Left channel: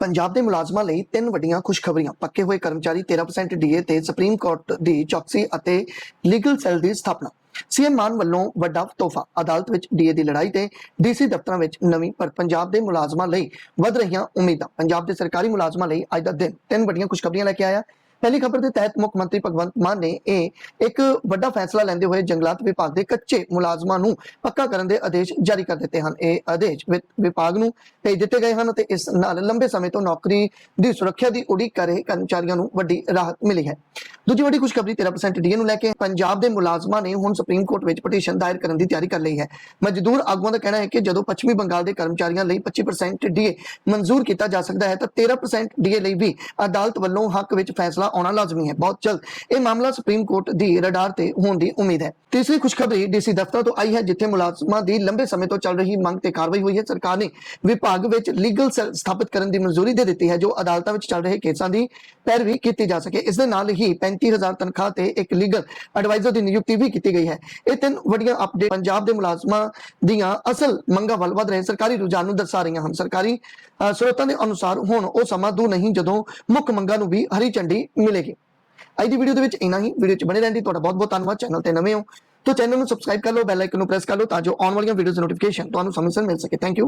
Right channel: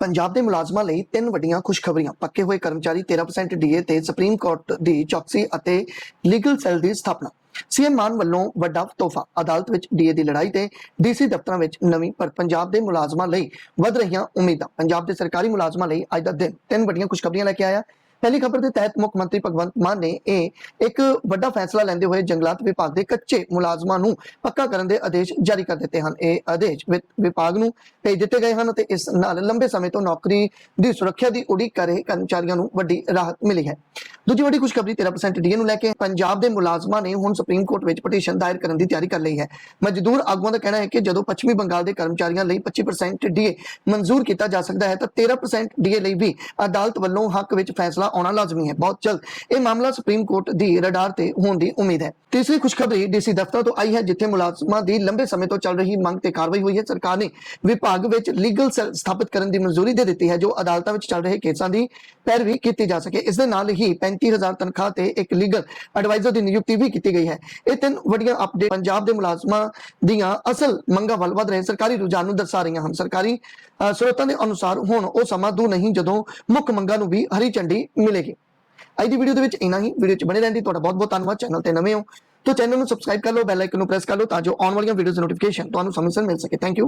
ਪੰਜਾਬ ਦੇ ਮੁਲਾਜ਼ਮਾਂ ਲਈ ਤਿੰਨ ਵੱਡੀਆਂ ਖੁਸ਼ਖਬਰੀਆਂ। ਪੱਕੇ ਹੋਏ ਕਰਮਚਾਰੀ 13% ਡੀਏ ਤੇ ਸੁਪਰੀਮ ਕੋਰਟ ਦੀ ਚੌਕਸੀ ਅਤੇ ਲੀਗਲ ਸੈੱਲ ਦੀ ਸਥਾਪਨਾ। ਸੀਐਮ ਮਾਨ ਵੱਲੋਂ ਵੱਡਾ ਤੋਹਫਾ। ਅਦਾਲਤ ਵਿੱਚ ਡੀਏ ਦੀ ਲੜਾਈ ਤੇ ਡੀਸੀ ਦਫ਼ਤਰਾਂ ਵਿੱਚ ਨਵੀਂ, ਪਰ ਪੰਜਾਬ ਦੇ ਮੁਲਾਜ਼ਮਾਂ ਲਈ ਵਧ ਰਹੀਆਂ ਉਮੀਦਾਂ। ਪੰਜਾਬ ਦੇ ਸਰਕਾਰੀ ਮੁਲਾਜ਼ਮਾਂ ਲਈ ਅੱਜ ਦਾ ਦਿਨ ਤਿੰਨ ਵੱਡੀਆਂ ਖੁਸ਼ਖਬਰੀਆਂ ਲੈ ਕੇ ਆਇਆ। ਪਹਿਲੀ ਖਬਰ ਦੇ ਤਹਿਤ ਮੁੱਖ ਮੰਤਰੀ ਭਗਵੰਤ ਮਾਨ ਨੇ ਇਹ ਇੱਕ ਵੱਡਾ ਫੈਸਲਾ ਲੈਂਦੇ ਹੋਏ ਜੰਗਲਾਤ ਵਿਭਾਗ ਦੇ ਕੱਚੇ ਮੁਲਾਜ਼ਮਾਂ ਨੂੰ ਪੱਕਾ ਕਰਨ ਦੇ ਆਦੇਸ਼ ਜਾਰੀ ਕਰ ਦਿੱਤੇ ਹਨ। ਇਹ ਆਦੇਸ਼ ਵਿਭਾਗ ਨੂੰ ਭੇਜ ਦਿੱਤੇ ਗਏ ਹਨ ਤੇ ਇਸ ਨਾਲ ਲੰਬੇ ਸਮੇਂ ਤੋਂ ਨੌਕਰੀ ਦੀ ਸੁਰੱਖਿਆ ਦੀ ਉਡੀਕ ਕਰ ਰਹੇ ਕਰਮਚਾਰੀਆਂ ਨੂੰ ਵੱਡੀ ਰਾਹਤ ਮਿਲੀ ਹੈ। ਦੂਜੀ ਵੱਡੀ ਖੁਸ਼ਖਬਰੀ 13% ਡੀਏ ਨੂੰ ਲੈ ਕੇ ਪੰਜਾਬ ਦੇ ਮੁਲਾਜ਼ਮਾਂ ਨੇ ਹੁਣ ਸੁਪਰੀਮ ਕੋਰਟ ਵਿੱਚ ਪਟੀਸ਼ਨ ਦਾਇਰ ਕਰਨ ਦੀ ਤਿਆਰੀ ਕਰ ਲਈ ਹੈ। ਮਜ਼ਦੂਰ ਆਗੂਆਂ ਦਾ ਕਹਿਣਾ ਹੈ ਕਿ ਜਦੋਂ ਪੱਛਮੀ ਬੰਗਾਲ ਦੇ ਕਰਮਚਾਰੀਆਂ ਲਈ 25% ਡੀਏ ਮਨਜ਼ੂਰ ਕੀਤਾ ਜਾ ਸਕਦਾ ਹੈ ਤਾਂ 13% ਡੀਏ ਲਈ ਵੀ ਅਦਾਲਤ ਵੱਲੋਂ ਹੱਕ ਵਿੱਚ ਫੈਸਲਾ ਆਉਣਾ ਲਾਜ਼ਮੀ ਹੈ। ਬਹੁਤ ਜਲਦ। ਇਹ ਮਾਮਲਾ ਸੁਪਰੀਮ ਕੋਰਟ ਦੀ ਰਡਾਰ ਤੇ ਹੋਣ ਦੀ ਉਮੀਦ ਹੈ। ਤੀਸਰੀ ਖੁਸ਼ਖਬਰੀ ਡੀਸੀ ਦਫ਼ਤਰ ਤੋਂ ਆਈ ਹੈ ਜਿੱਥੇ ਮੁਲਾਜ਼ਮਾਂ ਦੀ ਲੰਬੇ ਸਮੇਂ ਤੋਂ ਚੱਲ ਰਹੀ ਮੰਗ ਤੇ ਕਾਰਵਾਈ ਹੋਈ ਹੈ। ਸਰਕਾਰ ਨੇ ਵਿਭਾਗ ਵਿੱਚ ਲੀਗਲ ਸਥਾਪਿਤ ਕਰਨ ਦੀ ਮਨਜ਼ੂਰੀ ਦੇ ਦਿੱਤੀ ਹੈ ਜੋ ਅਦਾਲਤਾਂ ਵਿੱਚ ਚੱਲ ਰਹੇ ਕੇਸਾਂ ਦੀ ਪੈਰਵੀ ਕੀਤੀ ਜਾ ਸਕੇ। ਇਸ ਦੇ ਨਾਲ ਹੀ 35000 ਤਨਖਾਹ ਤੇ ਇੱਕ ਲੀਗਲ ਐਡਵਾਈਜ਼ਰ ਦੀ ਨਿਯੁਕਤੀ ਵੀ ਕੀਤੀ ਗਈ ਹੈ। ਇਹ ਤਿੰਨ ਵੱਡੀਆਂ ਅਪਡੇਟ ਪੰਜਾਬ ਦੇ ਮੁਲਾਜ਼ਮਾਂ ਦੀਆਂ ਅਸਲ ਮੰਗਾਂ ਵੱਲ ਵਧ ਰਹੇ ਸਰਕਾਰੀ ਰੁਝਾਨ ਨੂੰ ਦਰਸਾ ਰਹੀਆਂ ਹਨ। ਸਰਕਾਰੀ ਅ, ਸਰੋਤਾਂ ਦੇ ਅਨੁਸਾਰ ਹੁਣ ਉਹ ਸਮਾਂ ਦੂਰ ਨਹੀਂ ਜਦੋਂ ਮੁੱਖ ਮੰਗਾਂ ਨੂੰ ਵੀ ਹਰੀ ਝੰਡੀ ਮਿਲੇਗੀ। ਅੱਜ ਦੀ ਵੀਡੀਓ ਦੇ ਵਿੱਚ ਇੰਨਾ ਹੀ। ਵੀਡੀਓ 'ਚ ਬਣੇ ਰਹਿਣ ਦੀ ਤੁਹਾਡਾ ਬਹੁਤ ਬਹੁਤ ਧੰਨਵਾਦ। ਚੈਨਲ ਤੇ ਨਵੇਂ ਹੋ ਤਾਂ ਚੈਨਲ ਨੂੰ ਸਬਸਕ੍ਰਾਈਬ ਕਰ ਲਓ ਬੈਲ ਆਈਕਨ ਨੂੰ ਪ੍ਰੈਸ ਕਰ ਲਓ ਤਾਂ ਜੋ ਆਉਣ ਵਾਲੀਆਂ ਵੀਡੀਓਜ਼ ਦੀ ਨੋਟੀਫਿਕੇਸ਼ਨ ਤੁਹਾਨੂੰ ਸਮੇਂ ਸਿਰ ਮਿਲ ਸਕੇ। Thank you